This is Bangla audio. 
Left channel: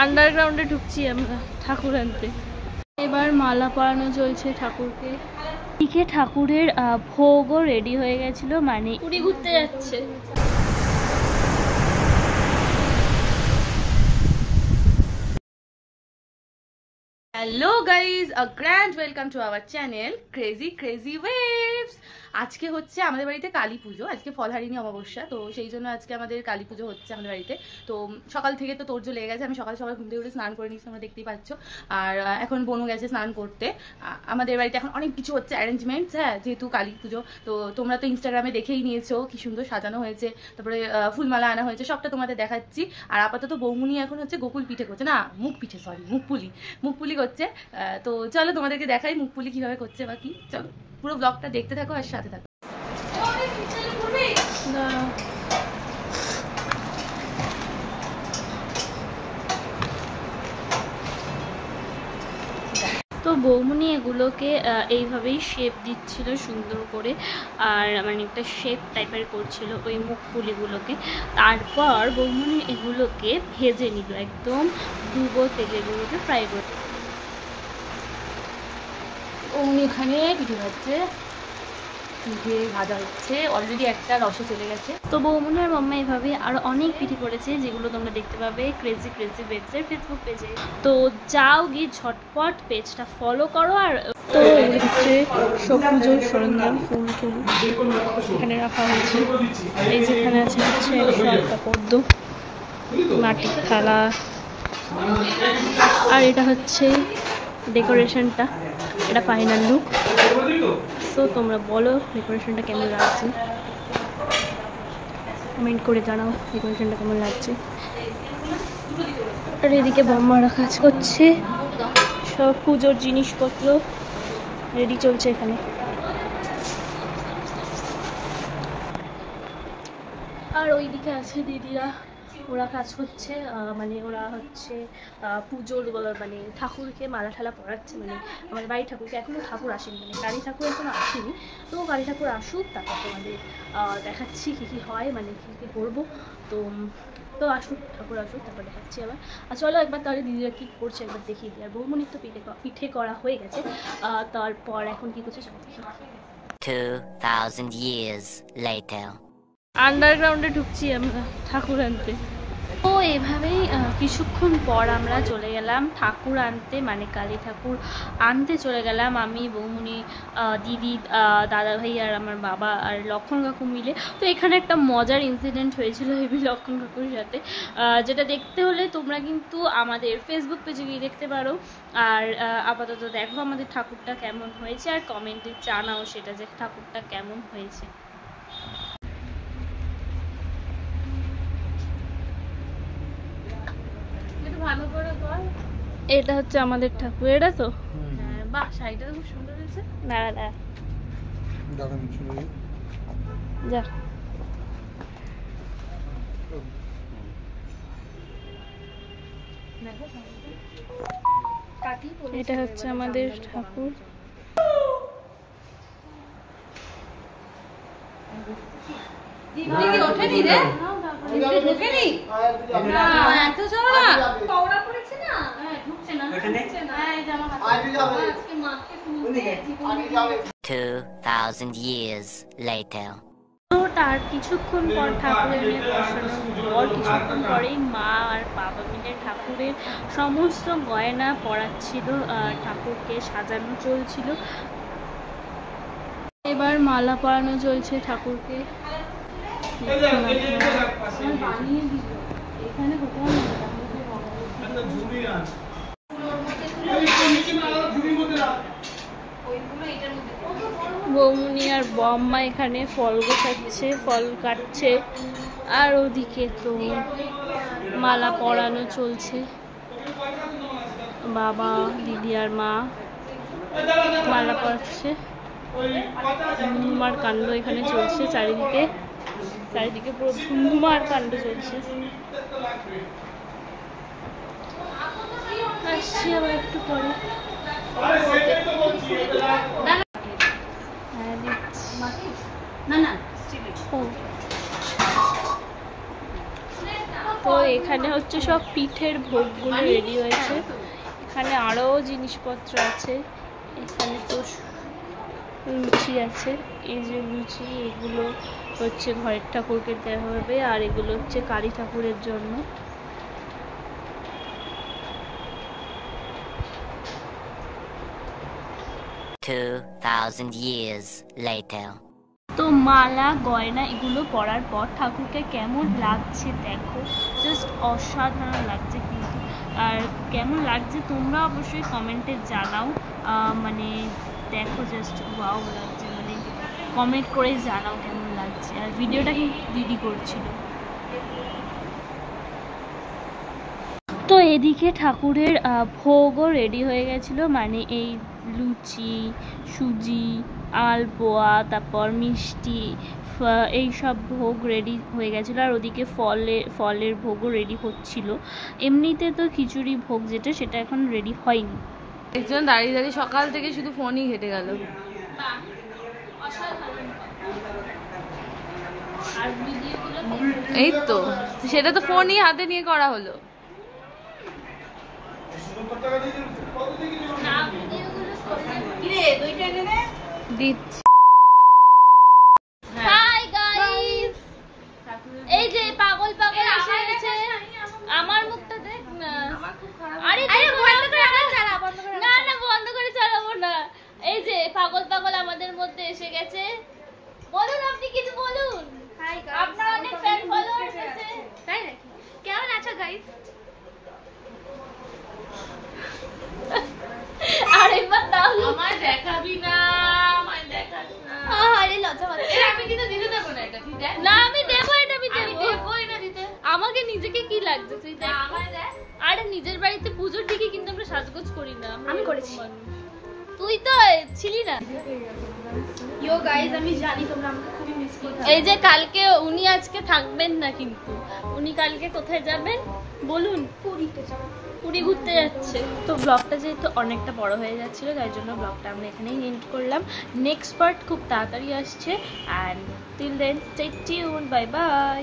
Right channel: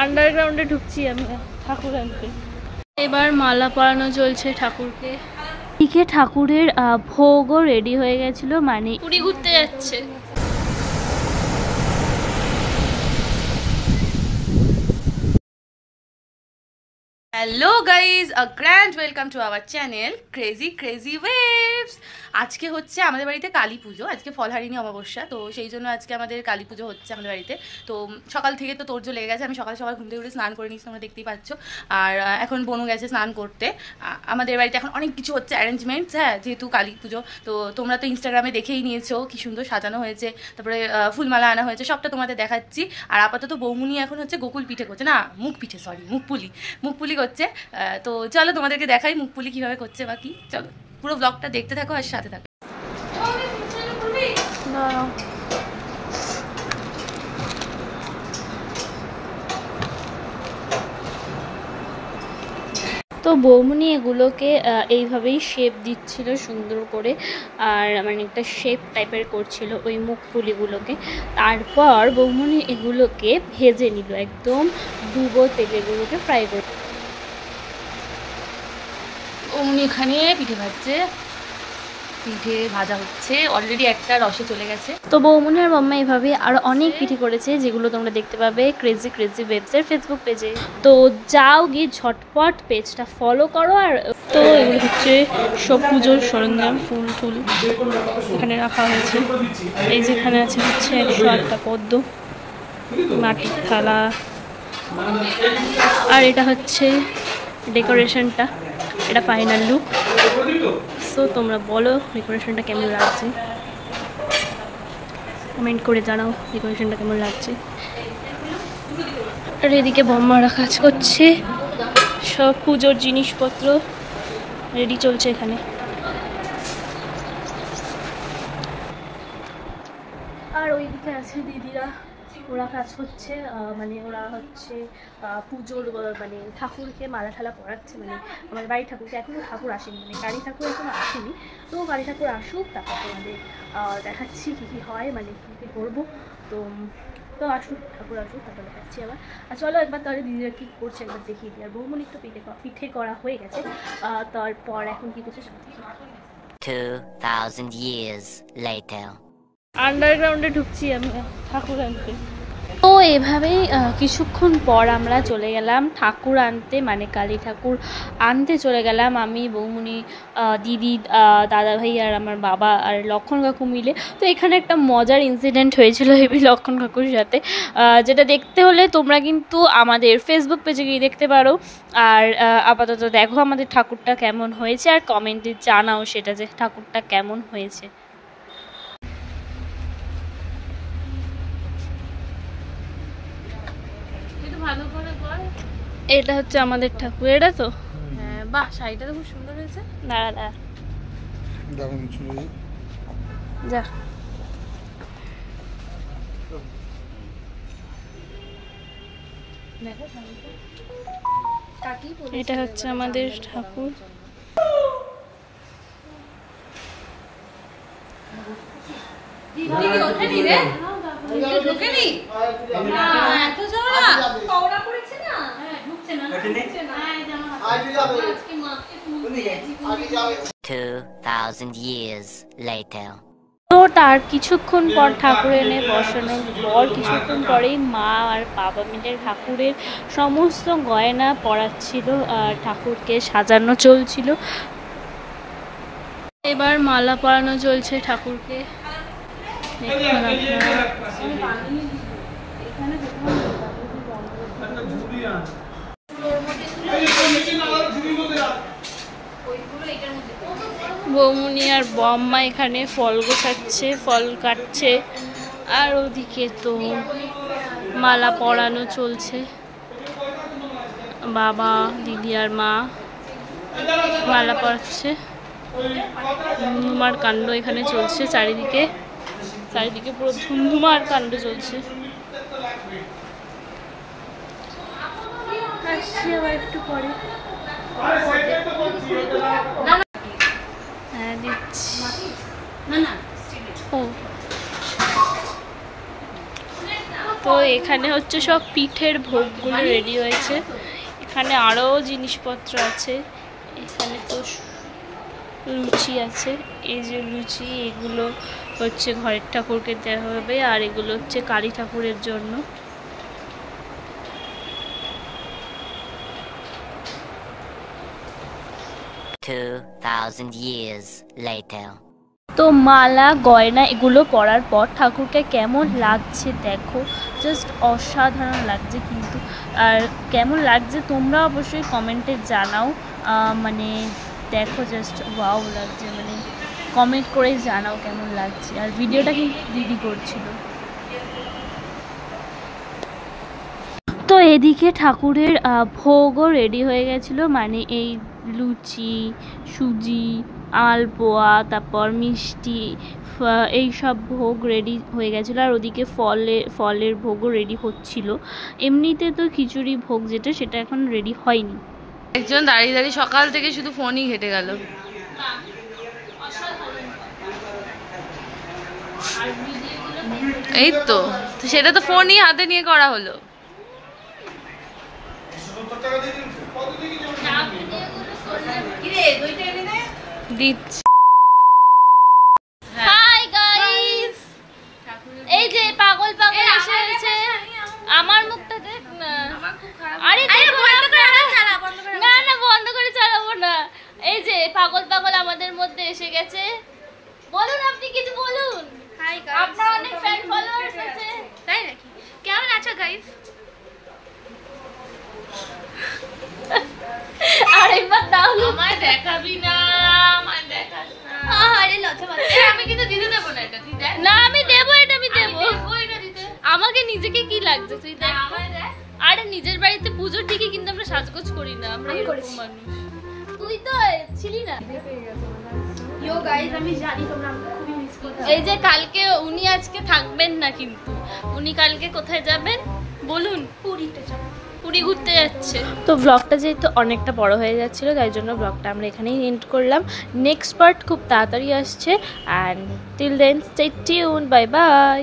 আন্ডারগ্রাউন্ডে ঢুকছি আমরা ঠাকুর আনতে। এবার মালা পরানো চলছে ঠাকুরকে। এদিকে ঠাকুরের ভোগও রেডি হয়ে গেছিল, মানে পুরী ঘুরতে যাচ্ছে। Hello guys, a grand welcome to our channel crazy crazy waves. আজকে হচ্ছে আমাদের বাড়িতে কালী পুজো, আজকে ফলহারিণী অমাবস্যা, তো সেই জন্য আজকে আমাদের কালী পুজো হচ্ছে আমাদের বাড়িতে। তো সকাল থেকে তো তোড়জোড় লেগে গেছে। আমি সকাল সকাল ঘুম থেকে উঠে স্নান করে নিচ্ছি, তোমরা দেখতেই পাচ্ছ। আর এখন বনু গেছে স্নান করতে। আমাদের বাড়িতে এখন অনেক কিছু হচ্ছে অ্যারেঞ্জমেন্টস, হ্যাঁ, যেহেতু কালী পুজো। তো তোমরা তো ইনস্টাগ্রামে দেখেই নিয়েছো কি সুন্দর সাজানো হয়েছে, তারপরে ফুলমালা আনা হয়েছে, সবটা তোমাদের দেখাচ্ছি। আর আপাতত বৌমুনি এখন হচ্ছে গোকুল পিঠে করছে, না মুখ পিঠে, সরি মুখপুলি করছে। তো চলো তোমাদেরকে দেখাই মুখপুলি কিভাবে করছে বা কি। চলো পুরো ব্লগটা দেখতে থাকো আর সাথে থাকো। তো বৌমনি এগুলোকে এইভাবেই শেপ দিচ্ছিল সুন্দর করে, আর মানে একটা শেপ টাইপের করছিল ওই মুখপুলিগুলোকে। তারপর বৌমনি এগুলোকে ভেজে নিল, একদম ডুবো তেলে এগুলোকে ফ্রাই করতে। বৌমনি এখানে পিঠে ভাজছে, পিঠে ভাজা হচ্ছে, অলরেডি একটা রসে চলে গেছে। তো বৌমনি আর মাম্মা এভাবে আরও অনেক পিঠে করেছে, যেগুলো তোমরা দেখতে পাবে ক্রেজি ক্রেজি ওয়েবসের ফেসবুক পেজে। তো যাও গিয়ে ঝটপট পেজটা ফলো করো। আর তো এগুলো হচ্ছে সব পুজোর সরঞ্জাম, ফুল টুল এখানে রাখা হয়েছে। এই যেখানে আছে হচ্ছে 108টা পদ্ম, মাটির থালা, আর এটা হচ্ছে ডেকোরেশনটা, এটা ফাইনাল লুক। সো তোমরা বলো ডেকোরেশনটা কেমন লাগছে, কমেন্ট করে জানাও ডেকোরেশনটা কেমন লাগছে। আর এদিকে বম্মারা কাজ করছে, সব পুজোর জিনিসপত্র রেডি চলছে এখানে। আর ওইদিকে আছে দিদিরা, ওরা কাজ করছে, মানে ওরা হচ্ছে পুজোর মানে ঠাকুরকে মালা ঠালা পরাচ্ছে। মানে আমার বাড়ির ঠাকুরকে এখনও ঠাকুর আসেনি, মানে কালী ঠাকুর এখনও আসেনি। তো কালী ঠাকুর আসুক, তারপর তোমাদের দেখাচ্ছি কী কী হয়, মানে কী কী করবো। তো আসুক, ঠাকুর আসুক, তারপর দেখাচ্ছি আবার। আর চলো একবার তাহলে দিদিরা কী করছে একবার দেখিয়ে দিই। আর বৌমনির তো পিঠে করা হয়ে গেছে, তারপর এখন কী করছে চলো দেখি। 2000 years later. আন্ডারগ্রাউন্ডে ঢুকছি আমরা ঠাকুর আনতে। তো এভাবেই কিছুক্ষণ পর আমরা চলে গেলাম ঠাকুর আনতে, মানে কালী ঠাকুর আনতে চলে গেলাম আমি, বৌমনি, দিদি, দাদা ভাই আর আমার বাবা আর লক্ষণ কাকু মিলে। তো এখানে একটা মজার ইনসিডেন্ট হয়েছিল হেবি লক্ষণ কাকুর সাথে, যেটা দেখতে হলে তোমরা কিন্তু আমাদের ফেসবুক পেজে গিয়ে দেখতে পারো। আর আপাতত দেখো আমাদের ঠাকুরটা কেমন হয়েছে, আর কমেন্টে জানাও সেটা যে ঠাকুরটা কেমন হয়েছে। এটা হচ্ছে আমাদের ঠাকুর, এটা তো বাহ, শাড়িটা খুব সুন্দর হয়েছে। দাঁড়া দাঁড়া যা। এটা হচ্ছে আমাদের ঠাকুর। তো তার কিছুক্ষণ পর ঠাকুর এনে বসানোর পর কিছুক্ষণ পরেই মা আর বাবা মিলে ঠাকুরের সমস্ত গয়না পরাচ্ছিল, ঠাকুরকে সাজানো চলছিল। এবার মালা পরানো চলছে ঠাকুরকে। দেখুন আপনারা, বৌমনি আর বম্মা এখানে ফল গোছাচ্ছে, ফল কাটছে। আর ওদিকে তো মালা পরানো চলছে, বাবা, দিদি আর মা মালা পরাচ্ছে। ধুমধুমার কাণ্ড এখানে চলছে, চারিদিকে পুরো ধুমধুমার কাণ্ড চলছে। আসছি আবার একটু পরে। হ্যাঁ দিচ্ছি। ও তো এখানে হচ্ছে সব পিঠের ভোগগুলো রেডি হয়েছে। এখানে আরও জিনিসপত্র আছে। এখানে তো লুচি আছে, এই যে লুচি, এগুলো হচ্ছে ঘরের ঠাকুরকে দেওয়া হবে, আর এগুলো হচ্ছে কালী ঠাকুরের জন্য। years later. তো মালা গয়না এগুলো পরার পর ঠাকুরকে কেমন লাগছে দেখো, জাস্ট অসাধারণ লাগছে কিন্তু। আর কেমন লাগছে তোমরা অবশ্যই কমেন্টে জানাও, মানে দেখো জাস্ট ওয়াও লাগছে, মানে কমেন্ট করে জানাও কেমন লাগছে। আর ভিডিওটা কিন্তু দিদি করছিল। তো এদিকে ঠাকুরের ভোগও রেডি হয়ে গেছিলো, মানে এই লুচি, সুজি, আলপোয়া, তারপর মিষ্টি, এই সব ভোগ রেডি হয়ে গেছিলো। আর ওদিকে ফলের ভোগও রেডি হচ্ছিল। এমনিতে তো খিচুড়ি ভোগ যেটা, সেটা এখন রেডি হয়নি। একজন দাঁড়িয়ে দাঁড়িয়ে সকাল থেকে শুধু ফোনই ঘেটে গেল। এই তো সেটা তো ফোনই হাতে নিয়ে করা হলো। দিচ্ছি। হাই গাইস, এই যে পাগল পাগল এসে গেছে। আমার মুখটা দেখ না। আরে বন্ধ করে চালা, বন্ধ করে না, না বন্ধ করে চালাবো না। এই যে পাগল পাগল আমাদের মধ্যে এসে গেছে। বলুন, আপনি কিছু বলুন। হাই গাইস, আপনার অনেক ফ্যান ফলোয়ার্স আছে, তাই নাকি? কেমন আছো গাইস? আরেকবার দাও। আমায় দেখাবি না, আমায় দেখাস না। আরে লজ্জা পাচ্ছি। আমি কিন্তু দিতে দেবো না এটা, তুই দেখ। না আমি দেবো, এটা আমি দেবো। আমাকে নিজেকে কি লাগছে তুই দেখ। আরে নিজের বাড়িতে পুজো ঠিকই, কিন্তু আমরা সাজগোজ করি না, আমরা এরকম মানুষ। তুই তো ছিলি না। ইয়ো গাইস, আমি জানি তোমরা আমাকে খুবই মিস করছো। এই যে কালকে উনি আজকে থাকবেন না, কিন্তু উনি কালকে কোথায় যাবেন বলুন? পুরীতে যাব। পুরী ঘুরতে যাচ্ছে। তো ব্লগটা যেহেতু অনেকটা বড় হয়ে যাচ্ছিল, তাই জন্য ব্লগটা আমরা এখানেই এন্ড করলাম। নেক্সট পার্ট খুব তাড়াতাড়ি আসছে। And till then stay tune, bye by.